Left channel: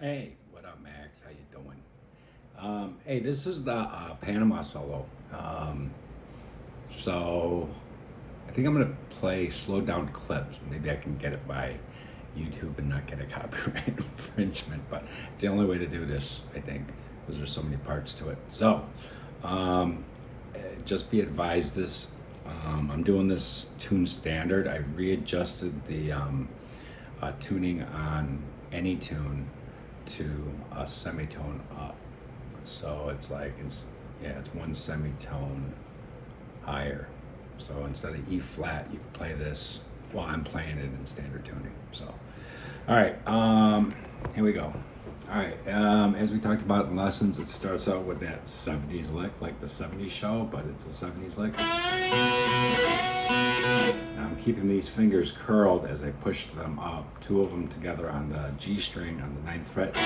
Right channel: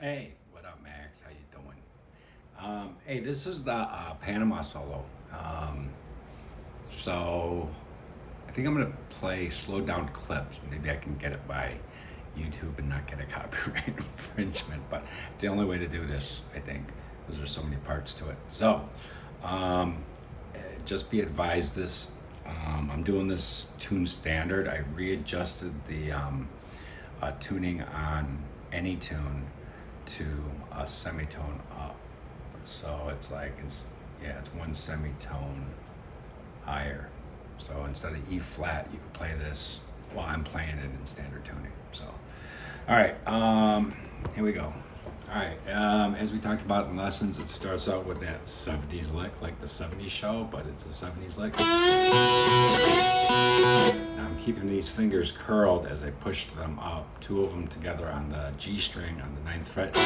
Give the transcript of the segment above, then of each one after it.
Hey, what up, Max? How you doing? Hey, this is the Panama solo. So I think I'm gonna play slowed down clips. Maybe I can get it by YouTube and not get a copyright infringement. But it's the only way to do this, I think, because there's so many parts to it. So um, just be advised, I'm doing this tune standard. I readjusted the tuning on any tune to a semitone up. So it's one semitone higher. So instead of E flat, you could play this while I'm playing it in standard tuning. So, all right, here we go. All right, as we talked about in lessons, it starts out with that 70s lick, like the 70s show, but it's a 70s lick. Now I'm keeping these fingers curled as I push them up, two of them together on the G string on the 9th fret.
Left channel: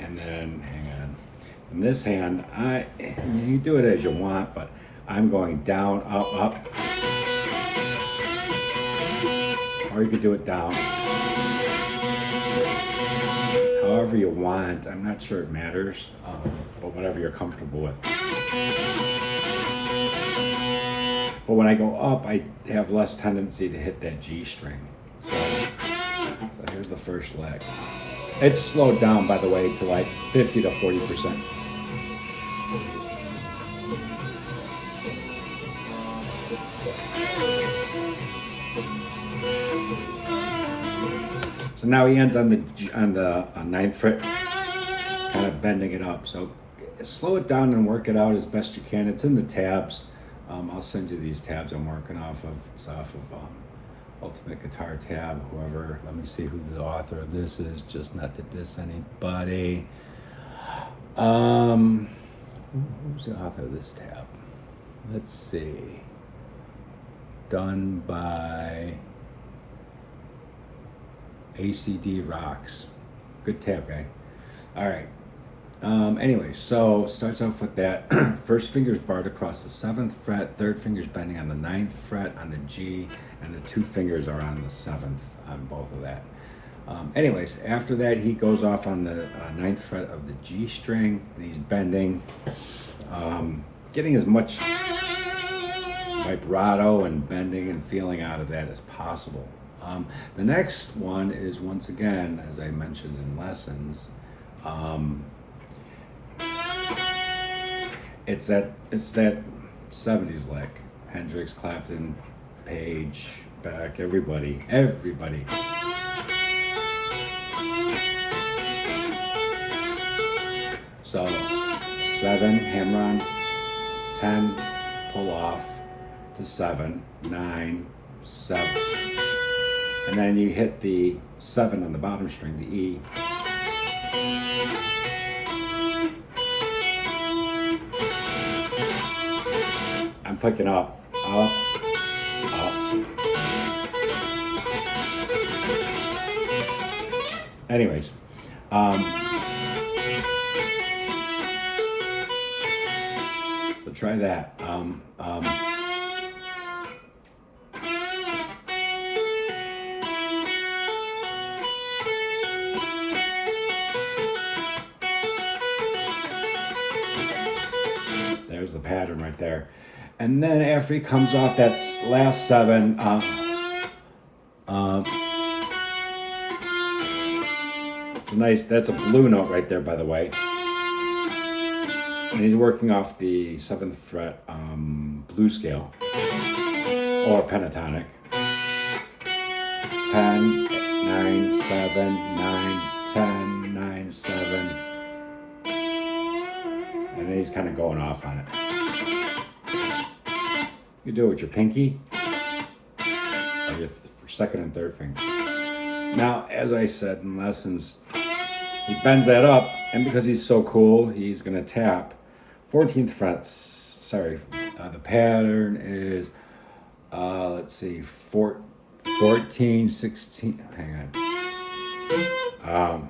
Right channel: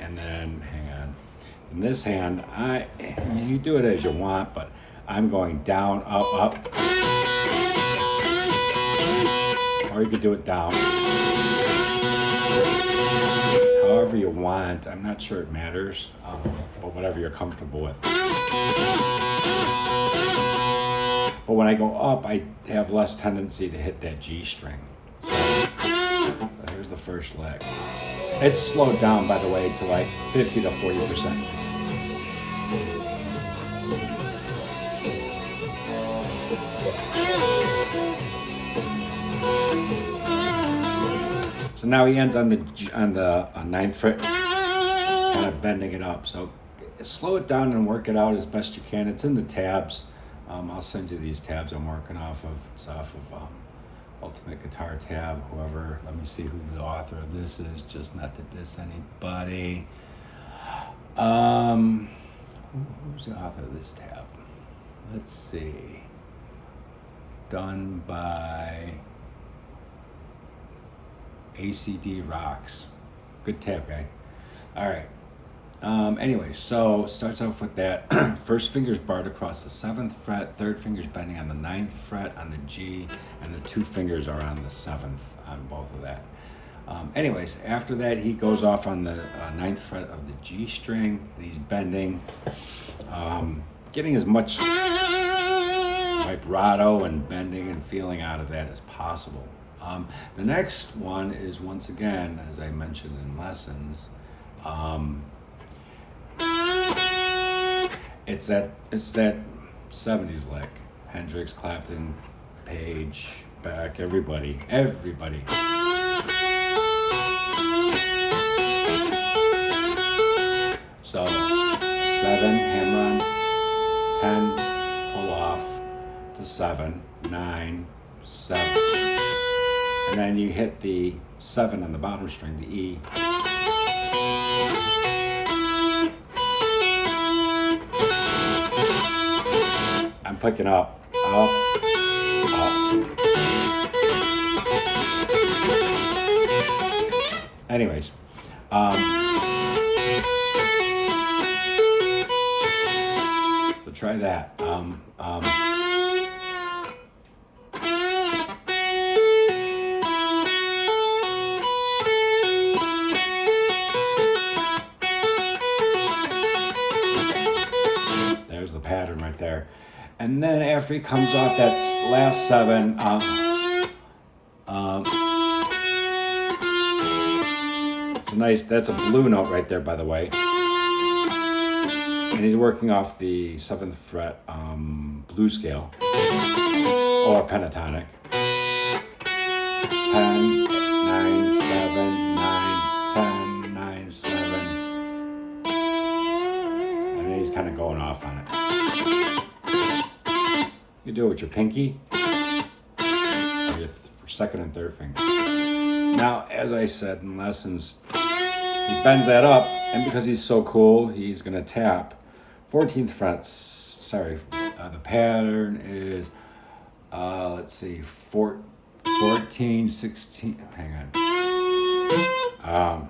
And then, hang on. In this hand, you do it as you want, but I'm going down, up, up. Or you could do it down. However you want. I'm not sure it matters, but whatever you're comfortable with. But when I go up, I have less tendency to hit that G string. So here's the first leg. It's slowed down, by the way, to like 50 to 40%. So now he ends on the 9th fret, kind of bending it up. So slow it down and work it out as best you can. It's in the tabs. I'll send you these tabs I'm working off of. It's off of Ultimate Guitar tab. Whoever, let me see who the author of this is, just not to diss anybody. Who's the author of this tab? Let's see. Done by ACD Rocks. Good tab, guy. All right. Anyway, so starts off with that. First finger's barred across the 7th fret, third finger's bending on the 9th fret on the G, and the two fingers are on the 7th on both of that. Anyways, after that, he goes off on the 9th fret of the G string, and he's bending, getting as much vibrato and bending and feeling out of that as possible. The next one is, once again, as I mentioned in lessons, it's that 70s lick. Hendrix, Clapton, Page, Beck, everybody. So 7, hammer on, 10, pull off to 7, 9, 7. And then you hit the 7 on the bottom string, the E. I'm picking up, up. Anyways, so try that. There's the pattern right there. And then after he comes off that last 7, it's a nice, that's a blue note right there, by the way. And he's working off the 7th fret blues scale, or pentatonic. 10, 9, 7, 9, 10, 9, 7. And then he's kind of going off on it. You do it with your pinky or your second and third finger. Now, as I said in lessons, he bends that up, and because he's so cool, he's going to tap 14th fret. Sorry, the pattern is, let's see, 14, 16, hang on.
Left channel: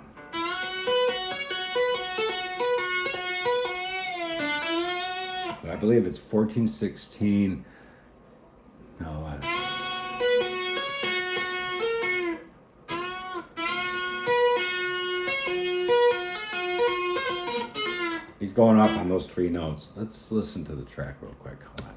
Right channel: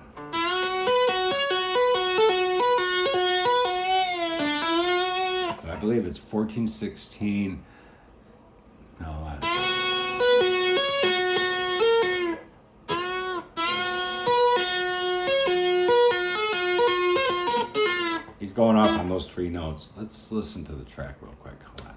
I believe it's 14, 16. No, going off on those 3 notes. Let's listen to the track real quick. Hold on.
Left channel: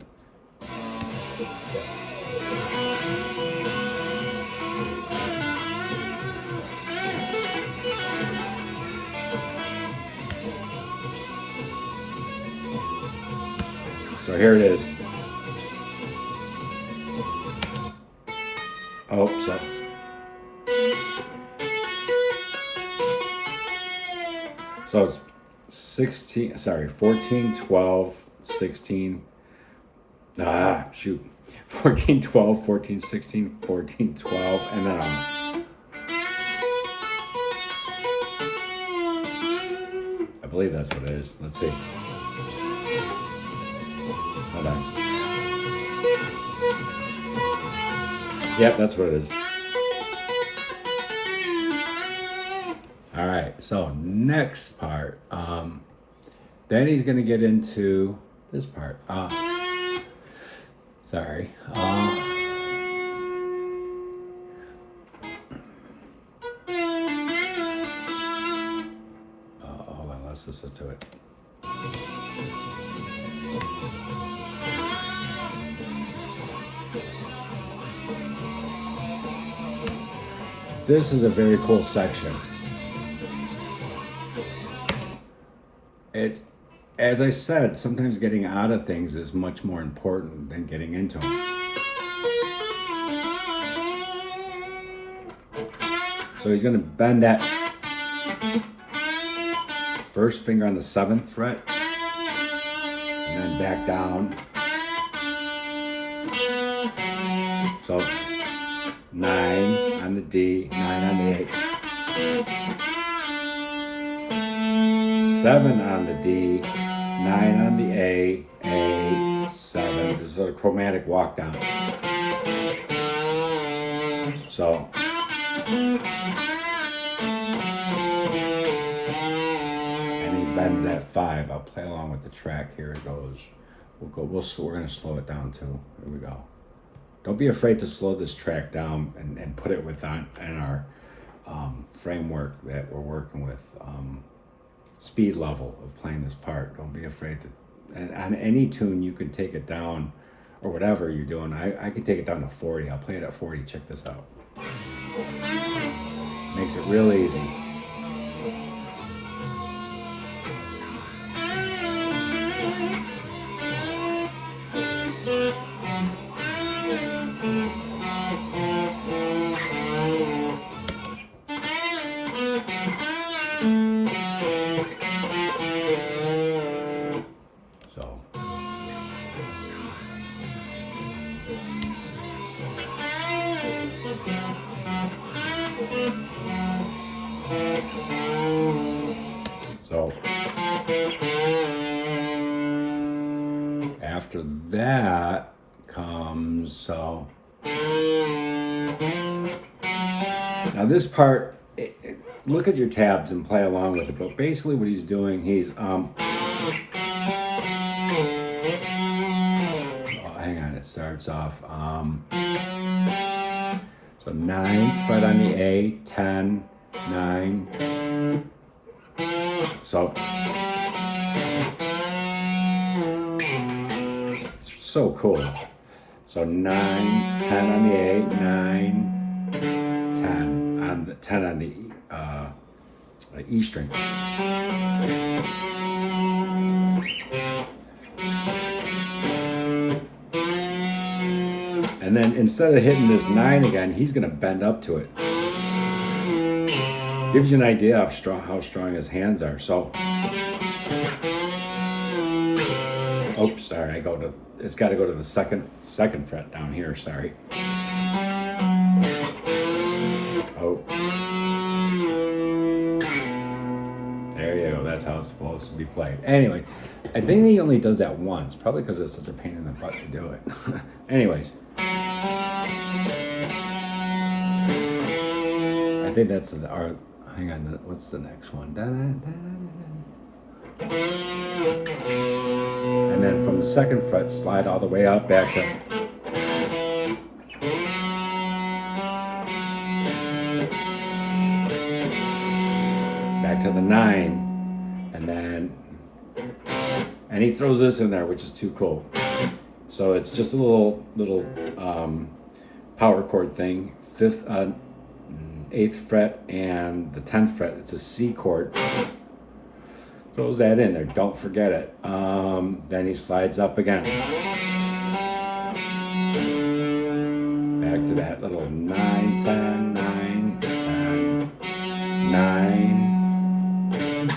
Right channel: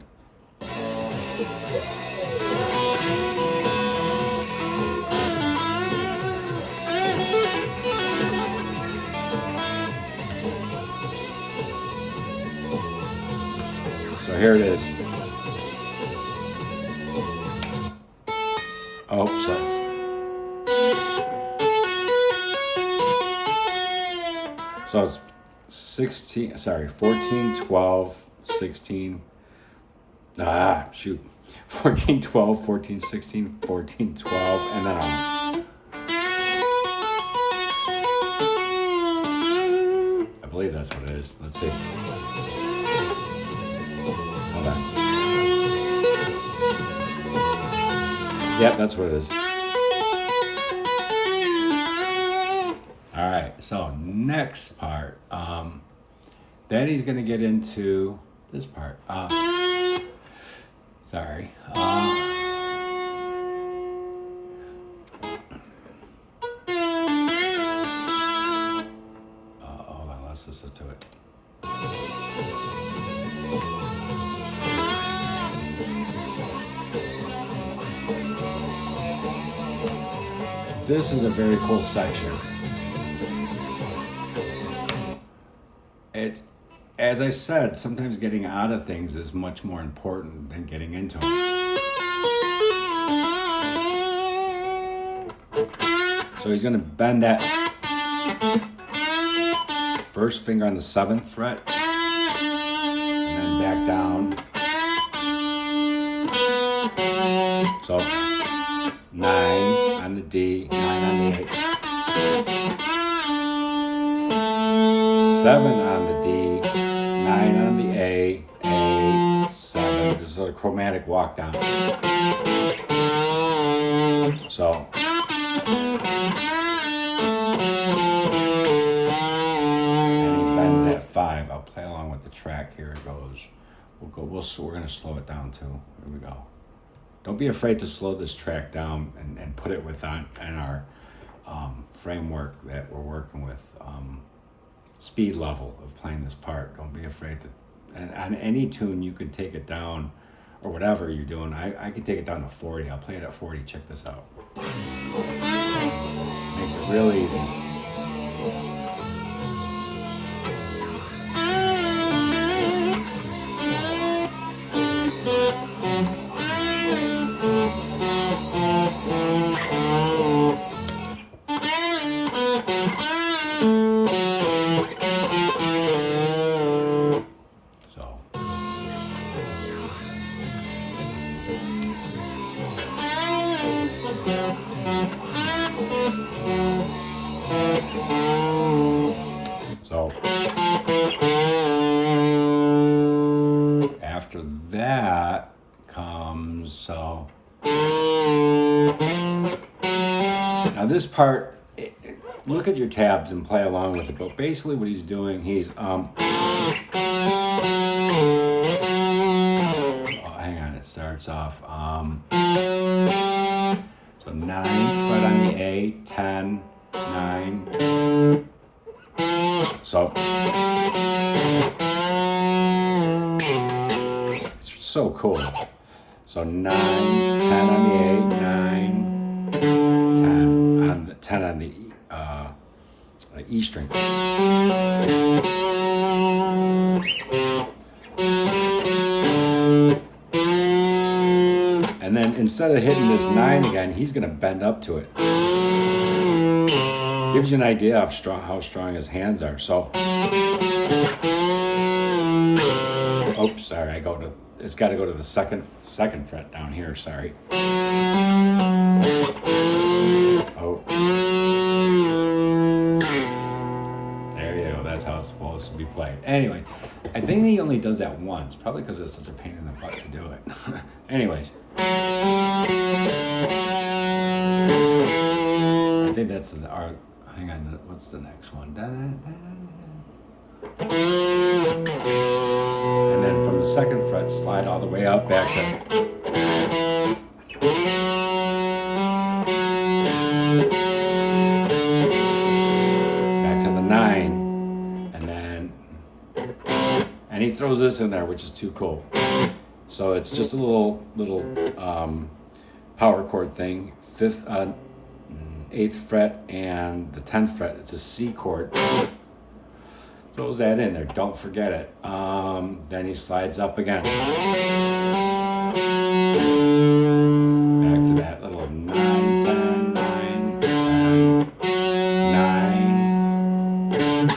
So here it is. Oh, so it's 14, 12, 16. 14, 12, 14, 16, 14, 12, and then off. I believe that's what it is. Let's see. Hold on. Yep, that's what it is. All right, so next part. Then he's going to get into this part. Sorry. Hold on, let's listen to it. This is a very cool section. It's, as I said, sometimes getting out of things is much more important than getting into them. So he's going to bend that first finger on the 7th fret and then back down. So 9 on the D, 9 on the A, 7 on the D, 9 on the A, 7. This is a chromatic walk down. So and he bends that 5. I'll play along with the track. Here it goes. We're going to slow it down too. Here we go. Don't be afraid to slow this track down and put it within our framework that we're working with. Speed level of playing this part. Don't be afraid to. And on any tune, you can take it down, or whatever you're doing. I can take it down to 40. I'll play it at 40. Check this out. Makes it real easy. So after that comes, now this part, look at your tabs and play along with it, but basically what he's doing, he's hang on, it starts off so 9th fret on the A, 10, 9. So it's so cool. So 9, 10 on the A, 9, 10 on the 10 on the E string. And then instead of hitting this 9 again, he's going to bend up to it. Gives you an idea of how strong his hands are. So, oops, sorry, it's got to go to the second fret down here, sorry. Oh. There you go, that's how it's supposed to be played. Anyway, I think he only does that once, probably because it's such a pain in the butt to do it. Anyways. I think that's our, hang on, what's the next one? And then from the 2nd fret, slide all the way up back to the 9, and then And he throws this in there, which is too cool. So it's just a little power chord thing. Fifth, 8th fret and the 10th fret. It's a C chord. Throws that in there. Don't forget it. Then he slides up again. Back to that little 9, 10, 9, 10, 9,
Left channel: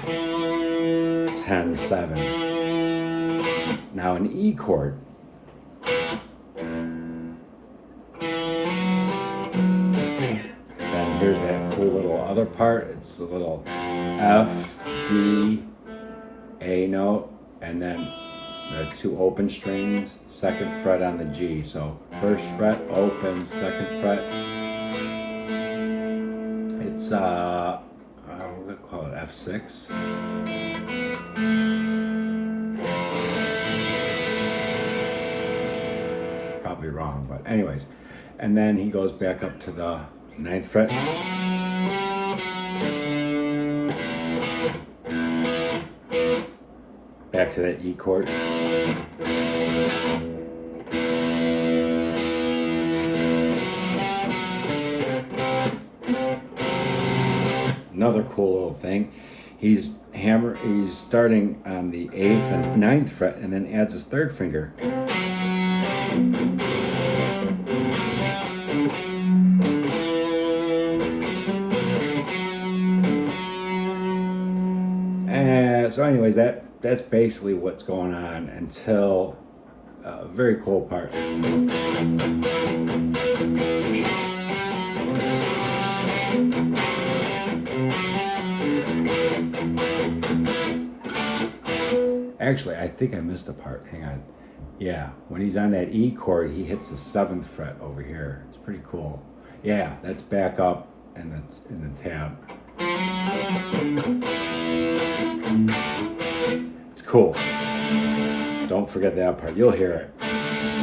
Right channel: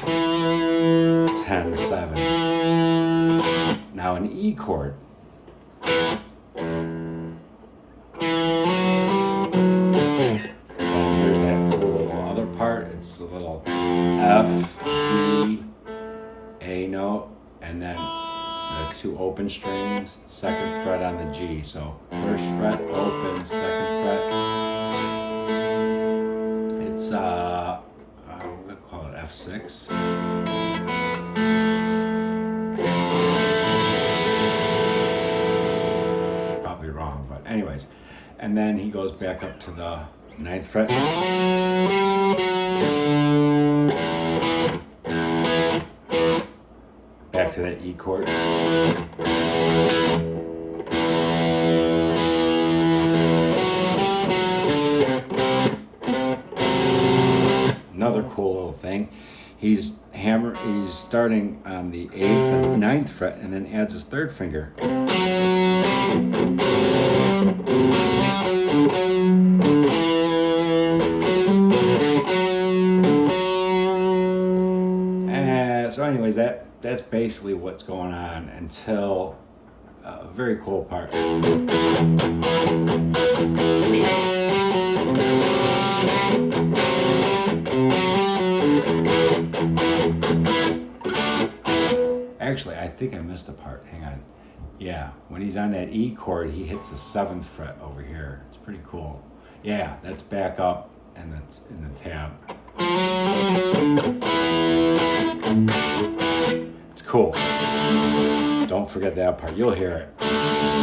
10, 7. Now an E chord. Then here's that cool little other part. It's a little F, D, A note, and then the 2 open strings, 2nd fret on the G. So 1st fret open, 2nd fret. It's we're gonna call it F6. Probably wrong, but anyways. And then he goes back up to the 9th fret. Back to that E chord. Another cool little thing. He's starting on the 8th and 9th fret and then adds his 3rd finger. So anyways, that's basically what's going on until a very cool part. Actually, I think I missed a part. Hang on. Yeah, when he's on that E chord, he hits the 7th fret over here. It's pretty cool. Yeah, that's back up and that's in the tab. It's cool. Don't forget that part. You'll hear it.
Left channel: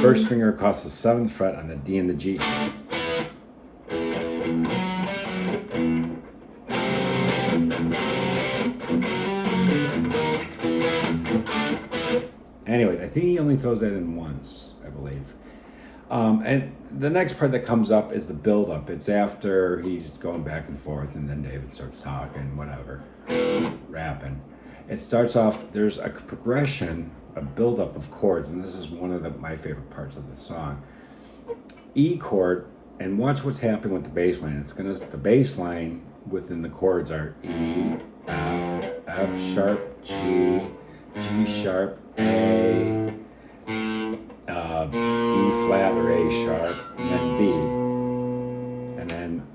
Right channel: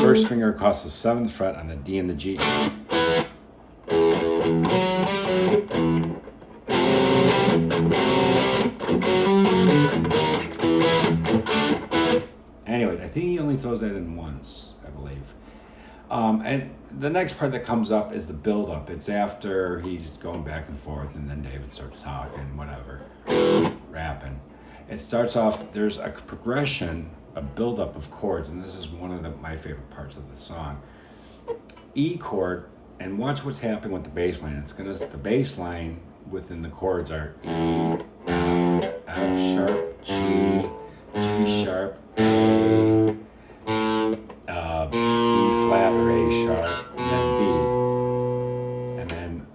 1st finger across the 7th fret on the D and the G. Anyways, I think he only throws that in once, I believe. And the next part that comes up is the build-up. It's after he's going back and forth, and then David starts talking, whatever, rapping. It starts off, there's a progression, a build-up of chords, and this is one of my favorite parts of the song. E chord, and watch what's happening with the bass line. The bass line within the chords are E, F, F sharp, G, G sharp, A, B flat or A sharp, and then B, and then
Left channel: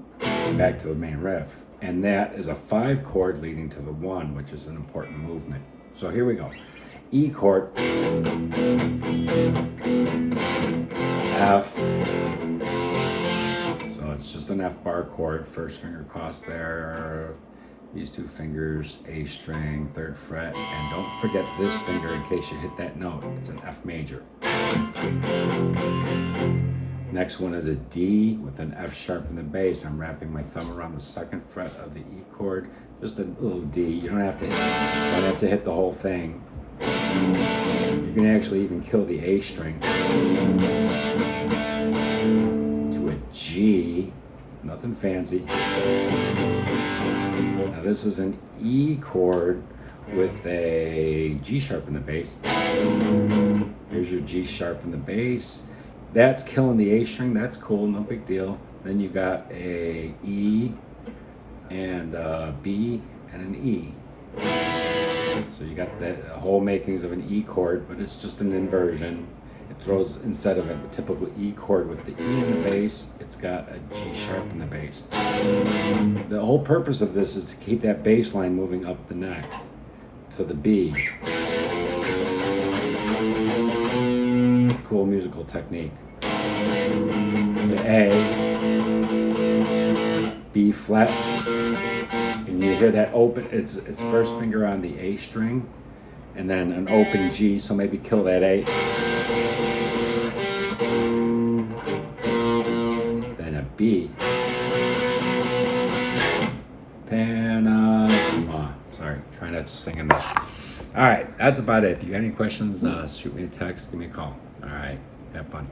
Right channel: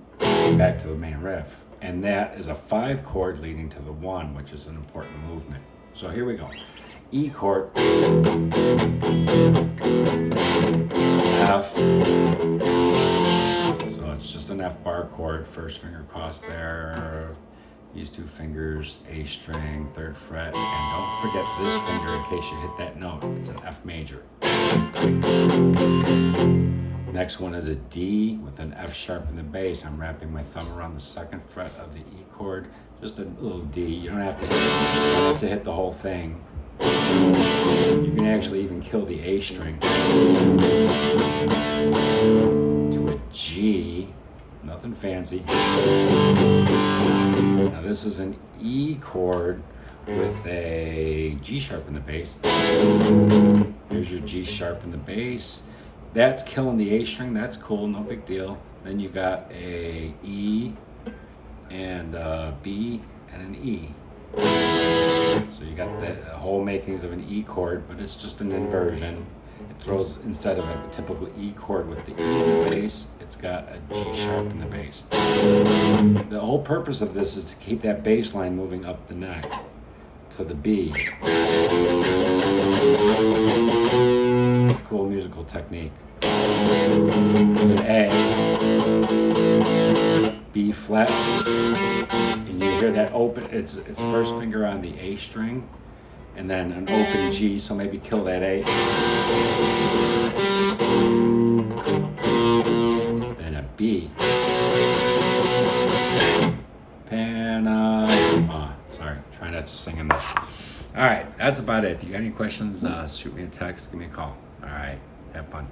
back to the main riff. And that is a 5 chord leading to the 1, which is an important movement. So here we go. E chord, F, so it's just an F bar chord, 1st finger across there, these 2 fingers, A string, 3rd fret, and don't forget this finger in case you hit that note. It's an F major. Next one is a D with an F sharp in the bass. I'm wrapping my thumb around the 2nd fret of the E chord, just a little D. You don't have to hit the whole thing. You can actually even kill the A string to a G. Nothing fancy. Now this is an E chord with a G sharp in the bass. Here's your G sharp in the bass. That's killing the A string. That's cool, no big deal. Then you got a E and a B and an E. So you got the whole makings of an E chord, but it's just an inversion. It throws, instead of a typical E chord with the E in the bass, it's got a G sharp in the bass. The whole purpose of this is to keep that bass line moving up the neck to the B. It's a cool musical technique. To A, B flat, and you hear that open, it's 1st finger on the A string, and then an open G, so maybe kill that A. Then a B. Panama. Sorry, trying not to sing in this. All right, that's about it. If you got any questions, shoot me a text, give me a call. All right, have fun.